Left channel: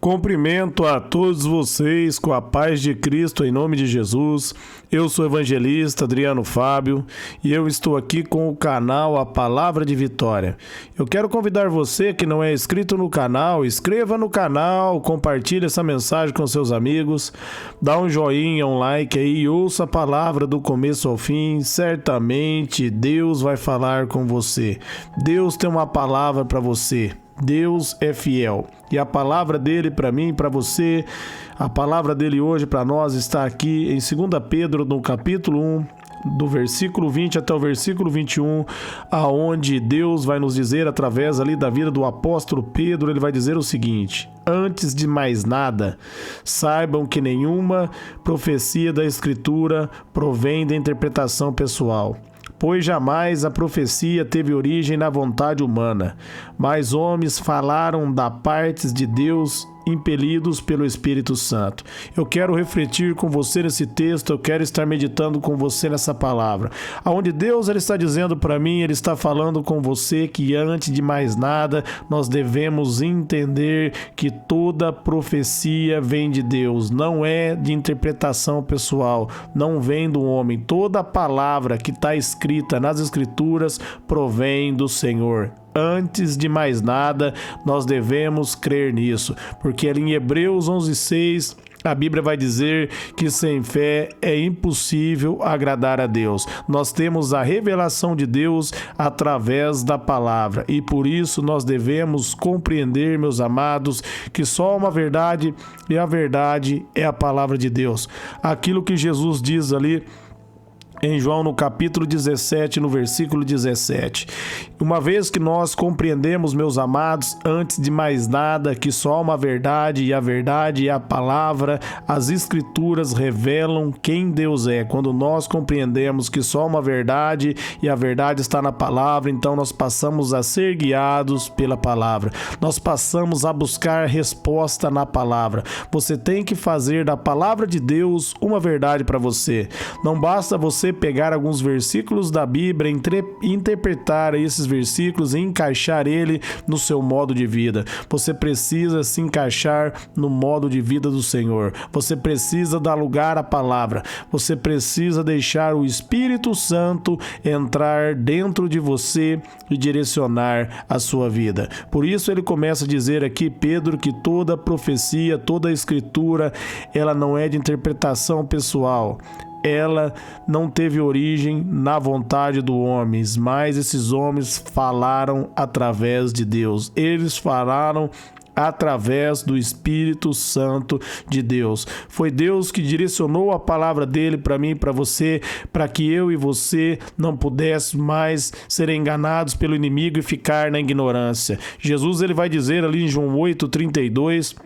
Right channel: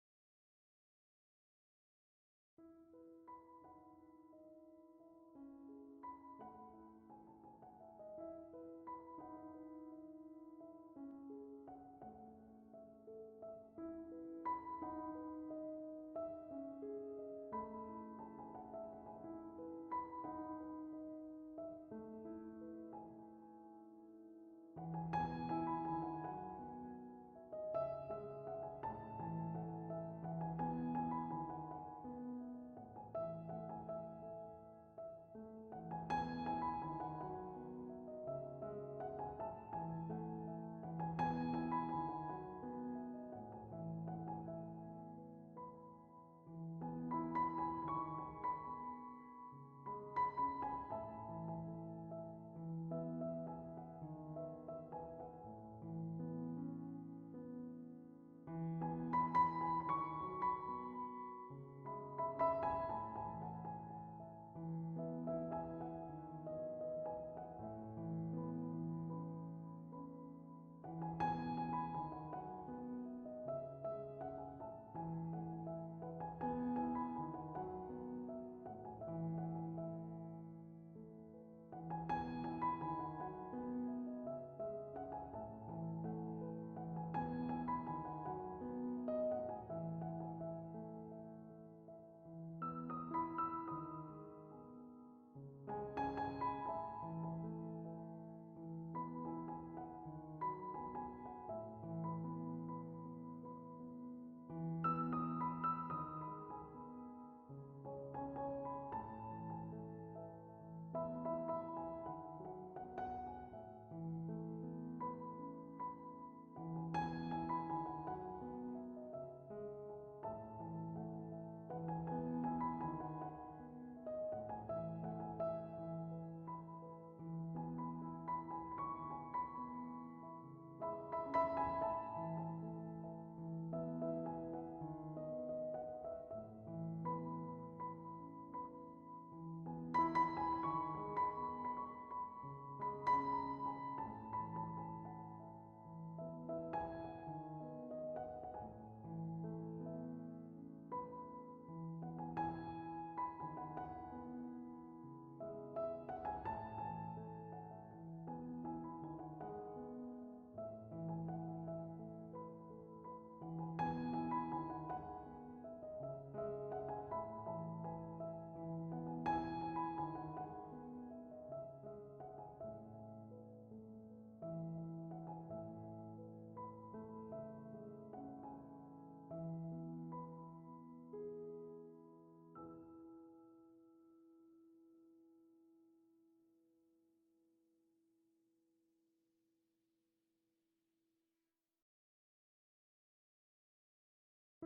Cumprimento a todos vocês com a paz de Cristo em nome de Jesus. Eu sou o evangelista Adriano Fábio e eu estou aqui com o canal A Palavra de Vitória. Eu quero convidar você que não é inscrito no canal, inscreva no canal, compartilhe essa mensagem com seus amigos, dá um joinha, um like aí e ouça a palavra do começo ao fim. Certamente Deus vai falar com você. Deus tem uma palavra para você. Deus é fiel e a palavra dele para mim e para você, a palavra dele hoje para nós está aqui em 2 Pedro, no capítulo 1, do versículo 20 até o versículo 21, aonde Deus vai nos dizer, através ali da vida do apóstolo Pedro, ele vai dizer o seguinte: antes de mais nada, saibam que nenhuma profecia da Escritura provém da interpretação pessoal. Pois jamais a profecia teve origem na vontade humana, mas homens falaram da parte de Deus, impelidos pelo Espírito Santo. Eu quero refletir com você nesse texto, eu quero estar meditando com você nessa palavra. Aonde Deus ele está dizendo para mim, ele está falando com você que antes de mais nada, nós devemos entender que toda profecia vem de Deus, não é de interpretação pessoal, não vem do homem. Toda palavra que está escrita nas Escrituras provém do Senhor. Antes de mais nada, nós devemos crer nisso, porque ali em Hebreus 11:6, a Bíblia vai dizer que sem fé é impossível agradar a Deus. Nós temos a revelação de Deus através da palavra e por isso nós devemos compreender, meus amados, que só há uma verdade e a verdade é a palavra de Deus. Aquilo que Jesus diz ali em João, no capítulo 17, no versículo 17. Uma vez que nós compreendemos, meus amados, antes de mais nada, que só há uma verdade e a verdade é a palavra, as Escrituras revelam quem Deus é. Quando nós compreendemos que só há uma verdade e a verdade está na palavra, então nós passamos a ser guiados pela palavra. Nós passamos a buscar resposta na palavra. Você tem que fazer da palavra de Deus uma verdade para você. Não basta você pegar alguns versículos da Bíblia, interpretar esses versículos e encaixar ele no seu modo de vida. Você precisa se encaixar no modo de vida do Senhor. Você precisa dar lugar à palavra. Você precisa deixar o Espírito Santo entrar dentro de você e direcionar a sua vida. Por isso ele começa a dizer aqui, Pedro, que toda profecia, toda escritura, ela não é de interpretação pessoal. Ela não teve origem na vontade dos homens, mas esses homens falaram através de Deus. Eles falaram através do Espírito Santo de Deus. Foi Deus que direcionou a palavra dele para mim e para você, para que eu e você não pudéssemos mais ser enganados pelo inimigo e ficar na ignorância. Jesus ele vai dizer ali em João 8:32,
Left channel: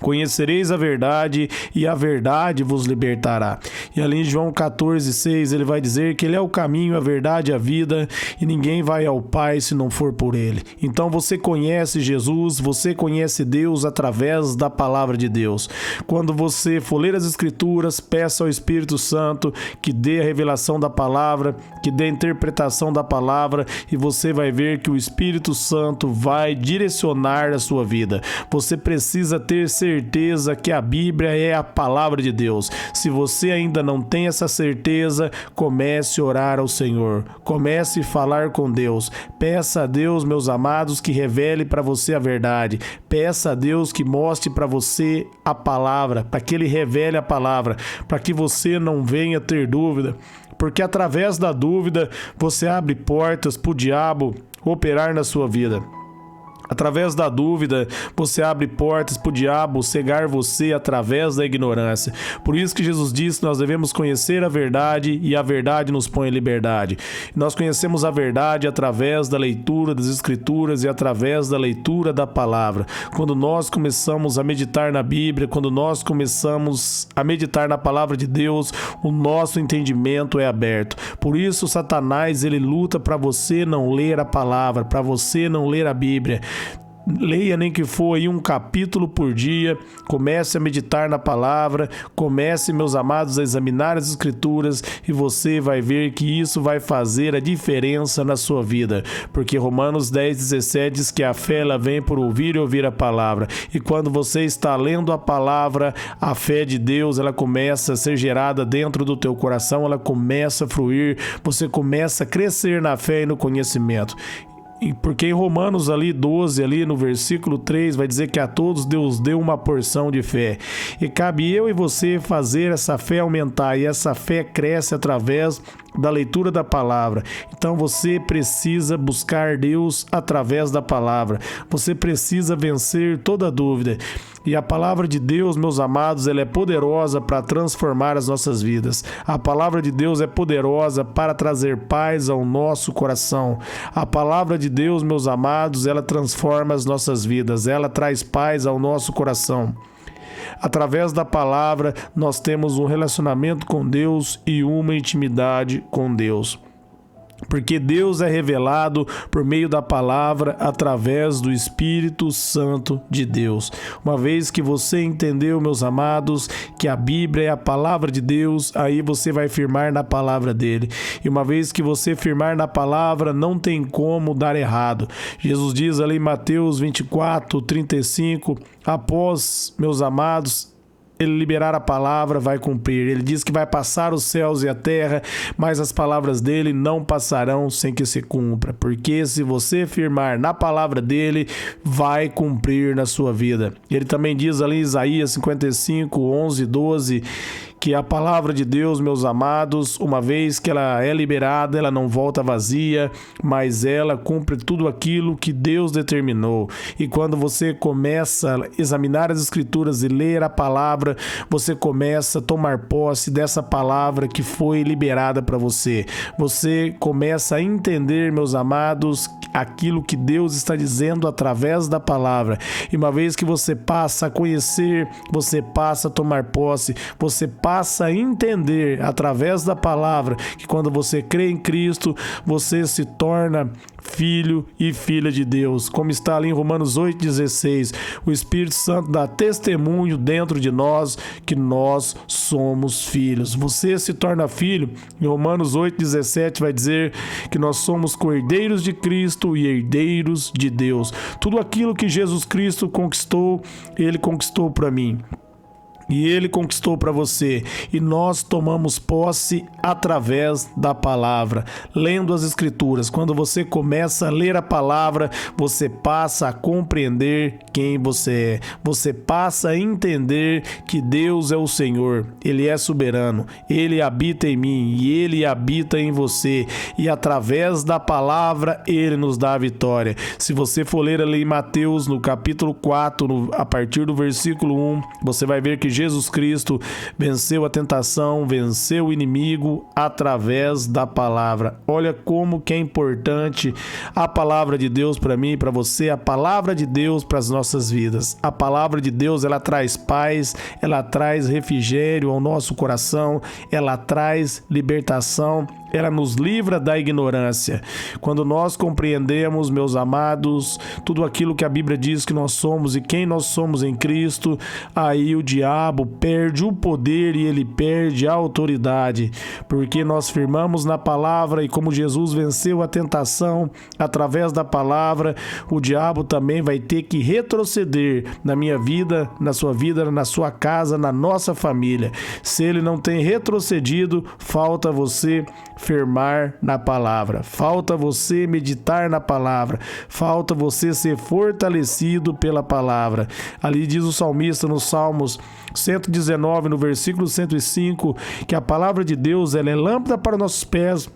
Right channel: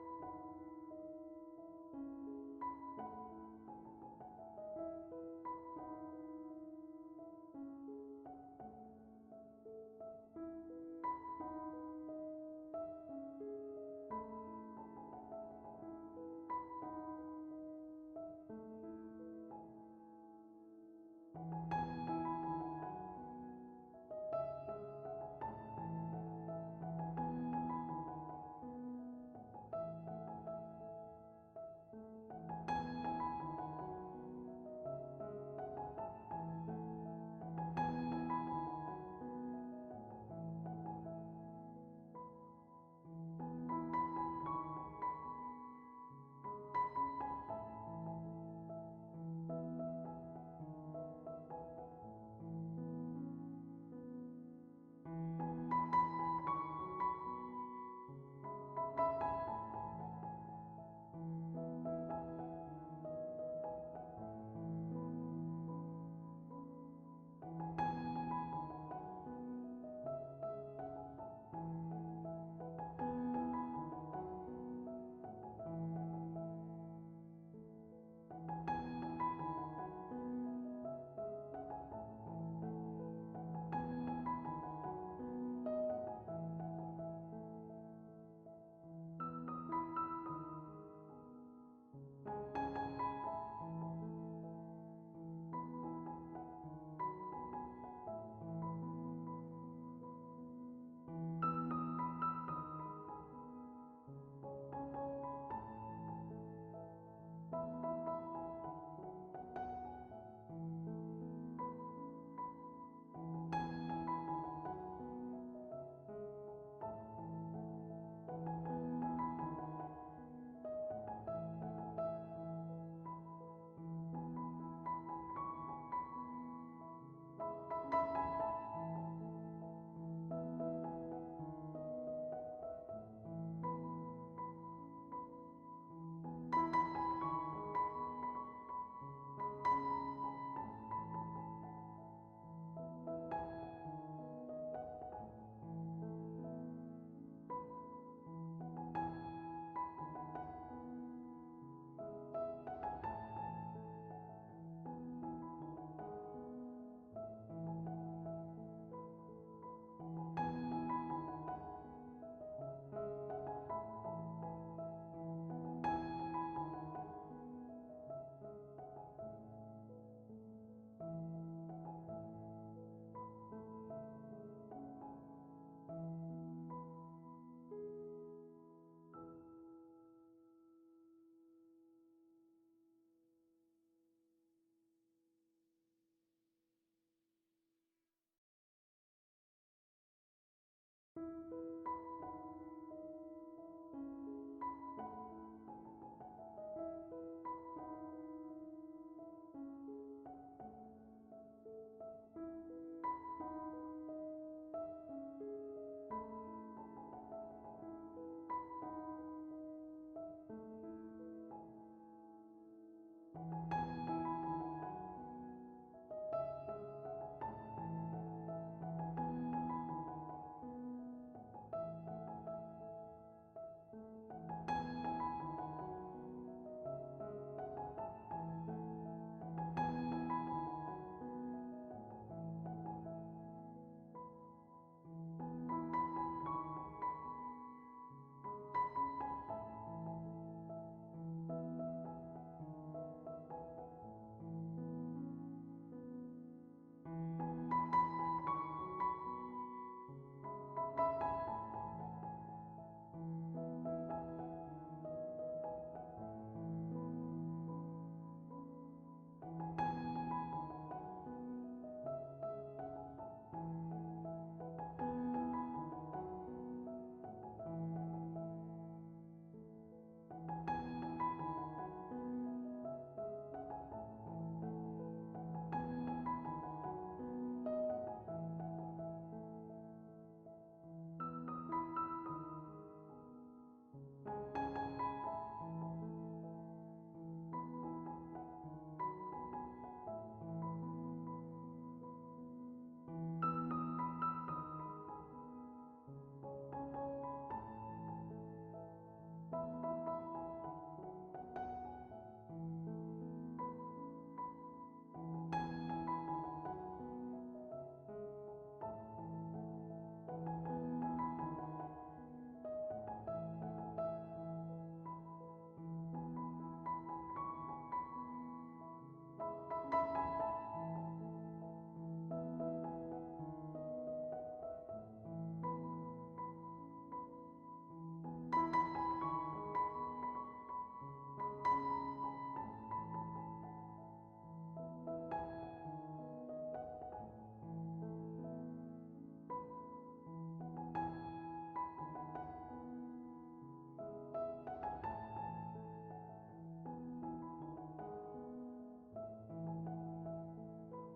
conhecereis a verdade e a verdade vos libertará. E ali em João 14:6 ele vai dizer que ele é o caminho, a verdade e a vida e ninguém vai ao Pai se não for por ele. Então você conhece Jesus, você conhece Deus através da palavra de Deus. Quando você for ler as Escrituras, peça ao Espírito Santo que dê a revelação da palavra, que dê a interpretação da palavra e você vai ver que o Espírito Santo vai direcionar a sua vida. Você precisa ter certeza que a Bíblia é a palavra de Deus. Se você ainda não tem essa certeza, comece a orar ao Senhor. Comece a falar com Deus. Peça a Deus, meus amados, que revele para você a verdade. Peça a Deus que mostre para você a palavra, para que Ele revele a palavra, para que você não venha ter dúvida. Porque através da dúvida, você abre portas para o diabo operar na sua vida. Através da dúvida, você abre portas para o diabo cegar você através da ignorância. Por isso que Jesus disse que nós devemos conhecer a verdade e a verdade nos põe em liberdade. Nós conhecemos a verdade através da leitura das Escrituras e através da leitura da palavra. Quando nós começamos a meditar na Bíblia, quando nós começamos a meditar na palavra de Deus, o nosso entendimento é aberto. Por isso Satanás ele luta para você não ler a palavra, para você não ler a Bíblia. Leia nem que for aí um capítulo por dia, comece a meditar na palavra, comece, meus amados, a examinar as escrituras e você vai ver que isso vai fazer a diferença na sua vida, porque Romanos 10:17 diz que a fé ela vem por ouvir e ouvir a palavra, e quando você está lendo a palavra, a fé de Deus ela começa a ser gerada dentro do teu coração, ela começa a fluir, você começa a crescer na fé e no conhecimento. Porque em Romanos ali 12, ali no versículo 3, vai dizer que a todos Deus deu uma porção de fé. E cabe eu e você fazer essa fé aumentar, e essa fé cresce através da leitura da palavra. Então você precisa buscar Deus através da palavra. Você precisa vencer toda dúvida. E a palavra de Deus, meus amados, ela é poderosa para transformar as nossas vidas. A palavra de Deus é poderosa para trazer paz ao nosso coração. A palavra de Deus, meus amados, ela transforma as nossas vidas. Ela traz paz ao nosso coração. Através da palavra, nós temos um relacionamento com Deus e uma intimidade com Deus. Porque Deus é revelado por meio da palavra através do Espírito Santo de Deus. Uma vez que você entendeu, meus amados, que a Bíblia é a palavra de Deus, aí você vai firmar na palavra dele. E uma vez que você firmar na palavra, não tem como dar errado. Jesus diz ali em Mateus 24:35, após, meus amados, ele liberar a palavra, vai cumprir. Ele diz que vai passar os céus e a terra, mas as palavras dele não passarão sem que se cumpra. Porque se você firmar na palavra dele, vai cumprir na sua vida. Ele também diz ali em Isaías 55:11-12, que a palavra de Deus, meus amados, uma vez que ela é liberada, ela não volta vazia, mas ela cumpre tudo aquilo que Deus determinou. E quando você começa a examinar as escrituras e ler a palavra, você começa a tomar posse dessa palavra que foi liberada para você. Você começa a entender, meus amados, aquilo que Deus está dizendo através da palavra. E uma vez que você passa a conhecer, você passa a tomar posse, você passa a entender através da palavra que quando você crê em Cristo, você se torna filho e filha de Deus. Como está ali em Romanos 8:16, o Espírito Santo dá testemunho dentro de nós que nós somos filhos. Você se torna filho. Em Romanos 8:17 vai dizer que nós somos cordeiros de Cristo e herdeiros de Deus. Tudo aquilo que Jesus Cristo conquistou, ele conquistou para mim. E ele conquistou para você, e nós tomamos posse através da palavra, lendo as escrituras. Quando você começa a ler a palavra, você passa a compreender quem você é, você passa a entender que Deus é o Senhor, Ele é soberano, Ele habita em mim e Ele habita em você, e através da palavra Ele nos dá a vitória. Se você for ler ali em Mateus, no capítulo 4, a partir do versículo 1, você vai ver que Jesus Cristo venceu a tentação, venceu o inimigo através da palavra. Olha como que é importante a palavra de Deus para mim e para você, a palavra de Deus para as nossas vidas. A palavra de Deus, ela traz paz, ela traz refrigério ao nosso coração, ela traz libertação, ela nos livra da ignorância. Quando nós compreendemos, meus amados, tudo aquilo que a Bíblia diz que nós somos e quem nós somos em Cristo, aí o diabo perde o poder e ele perde a autoridade, porque nós firmamos na palavra, e como Jesus venceu a tentação através da palavra, o diabo também vai ter que retroceder na minha vida, na sua casa, na nossa família. Se ele não tem retrocedido, falta você firmar na palavra, falta você meditar na palavra, falta você ser fortalecido pela palavra. Ali diz o salmista no Salmos 119, no versículo 105, que a palavra de Deus, ela é lâmpada para nossos pés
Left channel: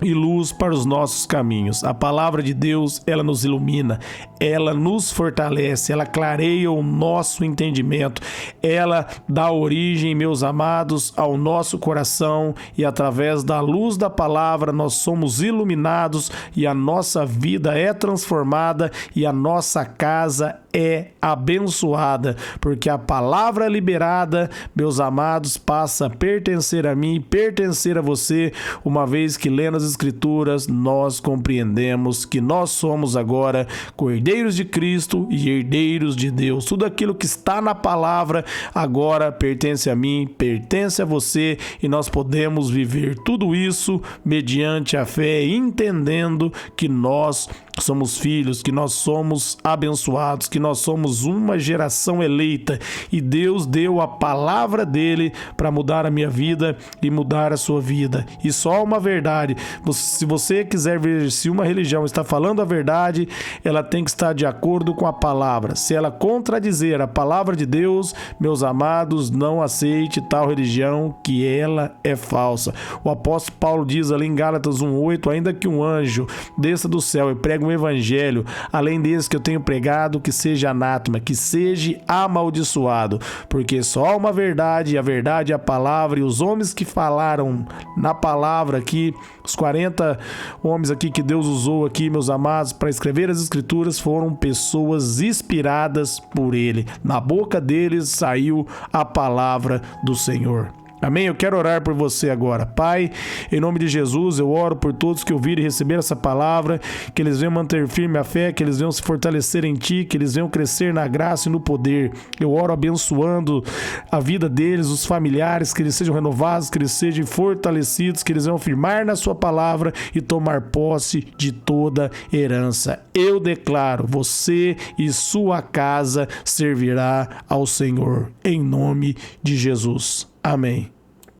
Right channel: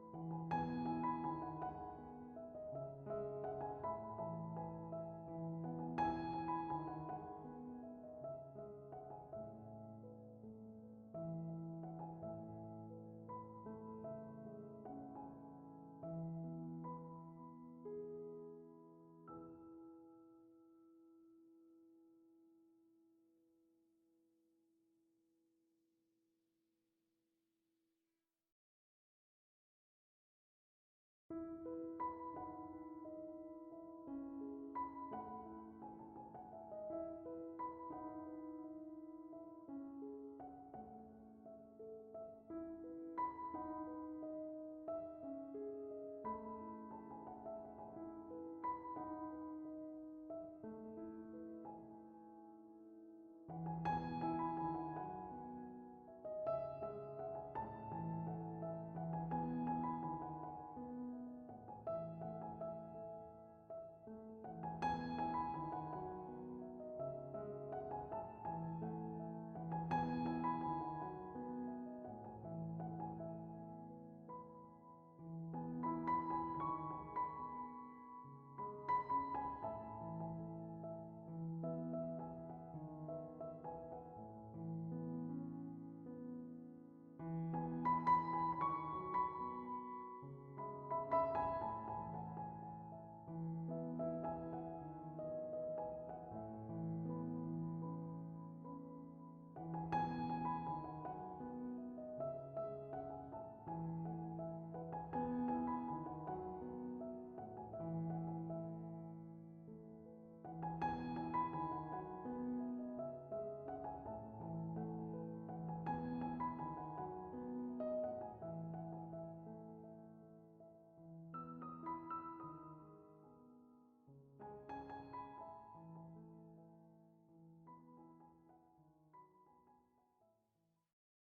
e luz para os nossos caminhos. A palavra de Deus, ela nos ilumina, ela nos fortalece, ela clareia o nosso entendimento, ela dá origem, meus amados, ao nosso coração, e através da luz da palavra nós somos iluminados e a nossa vida é transformada e a nossa casa é abençoada, porque a palavra liberada, meus amados, passa a pertencer a mim, pertencer a você, uma vez que lendo as Escrituras, nós compreendemos que nós somos agora cordeiros de Cristo e herdeiros de Deus. Tudo aquilo que está na palavra agora pertence a mim, pertence a você, e nós podemos viver tudo isso mediante a fé, entendendo que nós somos filhos, que nós somos abençoados, que nós somos uma geração eleita, e Deus deu a palavra dele para mudar a minha vida e mudar a sua vida. E só uma verdade, se você quiser ver se uma religião está falando a verdade, ela tem que estar de acordo com a palavra. Se ela contradizer a palavra de Deus, meus amados, não aceite tal religião, que ela é falsa. O apóstolo Paulo diz ali em Gálatas 1:8, ainda que um anjo desça do céu e pregue um evangelho, além desse que eu tenho pregado, que seja anátema, que seja amaldiçoado, porque só há uma verdade, e a verdade é a palavra, e os homens que falaram na palavra aqui, os 40 homens aqui que Deus usou aqui, meus amados, para escrever as escrituras, foram pessoas inspiradas por ele. Na boca deles saiu a palavra do Senhor. Amém? Eu quero orar por você agora. Pai, em nome de Jesus, eu oro por todos que ouviram e receberam essa palavra, que eles venham manter firme a fé, que eles venham se fortalecer em Ti, que eles venham crescer na graça e no poder. Eu oro abençoando a vida deles, os familiares, que eles sejam renovados, que eles sejam fortalecidos, que eles venham firmar na Sua palavra e tomar posse de toda herança. Eu declaro, você e sua casa servirá ao Senhor, em nome de Jesus. Amém.